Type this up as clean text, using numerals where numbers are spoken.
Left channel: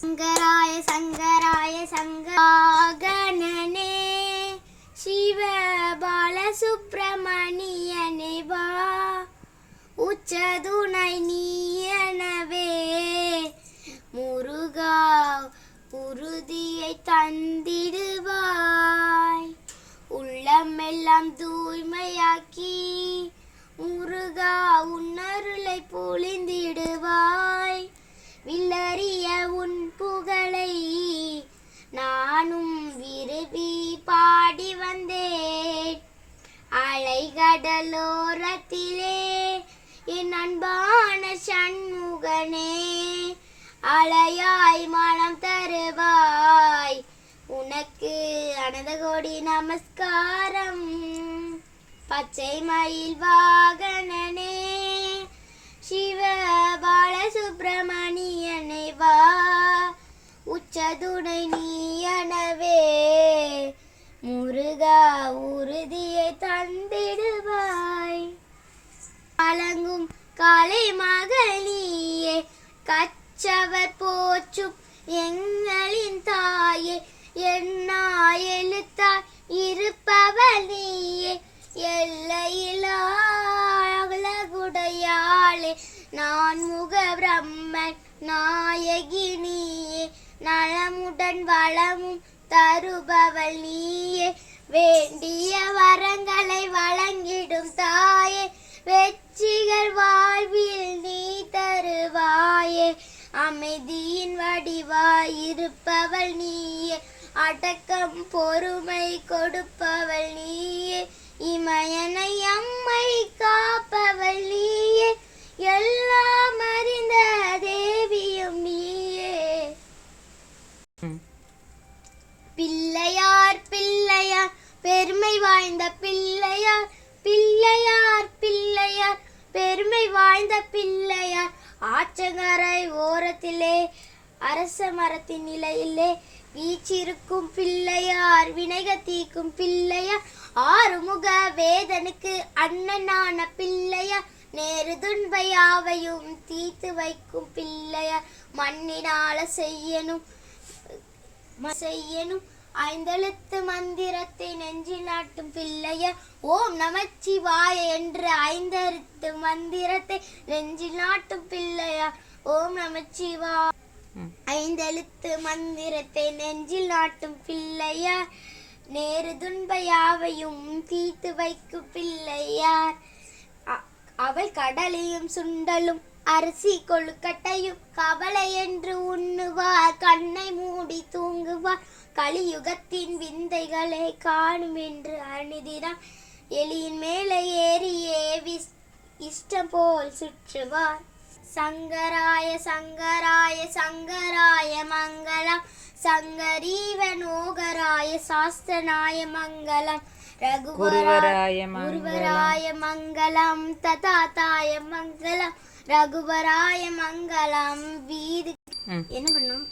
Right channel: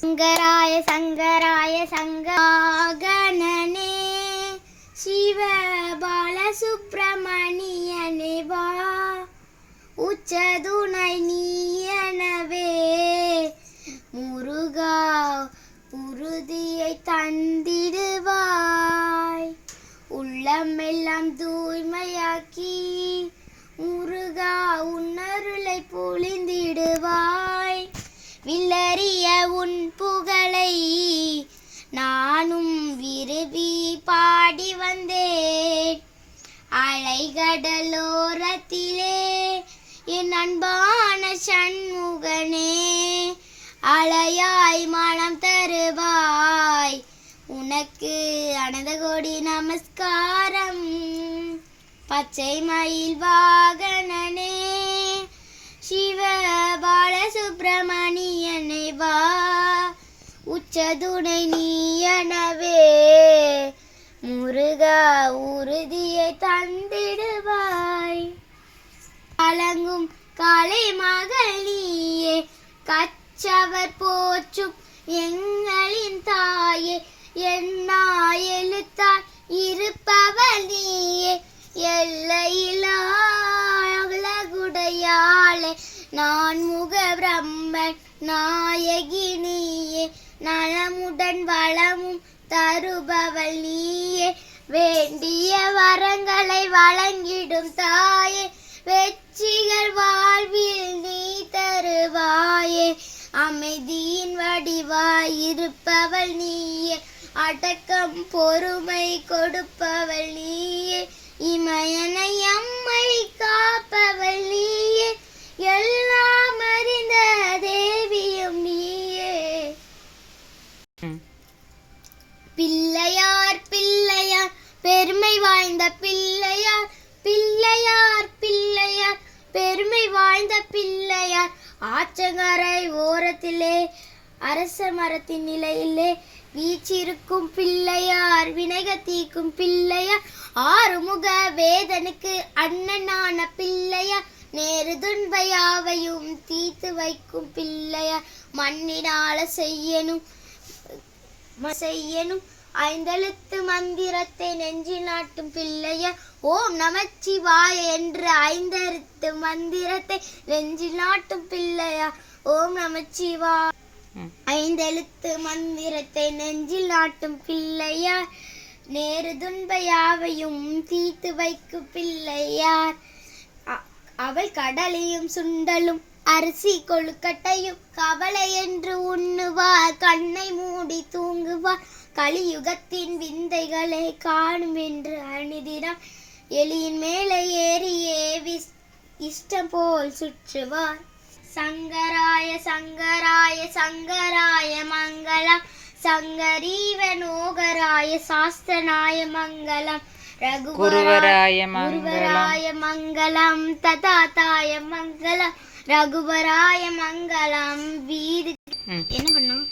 சங்கராய சங்கராய சங்கராகணனே சிவ பாலசுப்பிரமணியனே வா உச்சதுணை நீயனவே முருகா உறுதியை தந்திடுவாய் உள்ளமெல்லாம் தூய்மையாக்கி முருகா உன்னருளை பொழிந்திடுவாய் வில்லறிய உன் புகழை நானும் விரும்பி பாடி வந்தேன் அலைகடலோரத்திலே என் அன்பான சண்முகனே அலையாய் மனம் தருவாய் உனக்கு அனந்த கோடி நமஸ்காரம் பச்சை மயில் வாகனனே சிவ பாலசுப்பிரமணியனை வா உச்சதுணை நீயனவே முருகா உறுதியை தந்திடுவாய் கலங்கும் காலை மகனியே கச்சவர் போற்றும் எங்களின் தாயே என்னா எழுத்தாய் இருப்பவள் நீயே எல்லையிலாகுடையாளே நான் முக பிரம்மன் நாயகி நீயே நலமுடன் வளமும் தருபவள் நீயே வேண்டிய வரங்களை வழங்கிடும் தாயே வெற்றிகள் வாழ்வில் நீ தருவாயே அமைதியின் வடிவாய் இருப்பவள் நீயே அடக்கம் பொறுமை கொடுப்பவள் நீயே இமயனை அம்மை காப்பவள் நீயே எல்லாம் அறிந்த தேவியும் நீயே பிள்ளையார் பிள்ளையார் பெருமை வாய்ந்த பிள்ளையார் பிள்ளையார் பிள்ளையார் பெருமை வாய்ந்த பிள்ளையார் ஆற்றங்கரை ஓரத்திலே அரச மரத்தின் நிலையிலே வீச்சிருக்கும் பிள்ளையார் வினைக தீக்கும் பிள்ளையார் ஆறுமுக வேதனுக்கு அண்ணனான பிள்ளையார் நேரு துன்பையாவையும் தீர்த்து வைக்கும் பிள்ளையார் மண்ணினால செய்யணும் ஐந்தெழுத்து மந்திரத்தை நெஞ்சில் நாட்டும் பிள்ளையார் ஓம் நமச்சிவாய என்று ஐந்தெழுத்து மந்திரத்தை நெஞ்சில் நாட்டும் பிள்ளையார் ஓம் நமச்சிவாய ஐந்தெழுத்து மந்திரத்தை நெஞ்சில் நாட்டும் பிள்ளையார் நேரு துன்பையாவையும் தீர்த்து வைக்கும் பிள்ளையார் அவள் கடலையும் சுண்டலும் அரிசி கொழுக்கட்டையும் கவலை என்று உண்ணுவார் கண்ணை மூடி தூங்குவார் கலியுகத்தின் விந்தைகளை காணும் என்று அணிதினம் எலியின் மேலே ஏறியே இஷ்டம் போல் சுற்றுவார் சங்கராய சங்கராய சங்கராய மங்களம் சங்கரீவனோகராய சாஸ்திரநாய மங்களம் ரகுவராய மங்களம் ததாதாய மங்களம் ரகுவராய மங்களம் வீடு என்ன பண்ணும்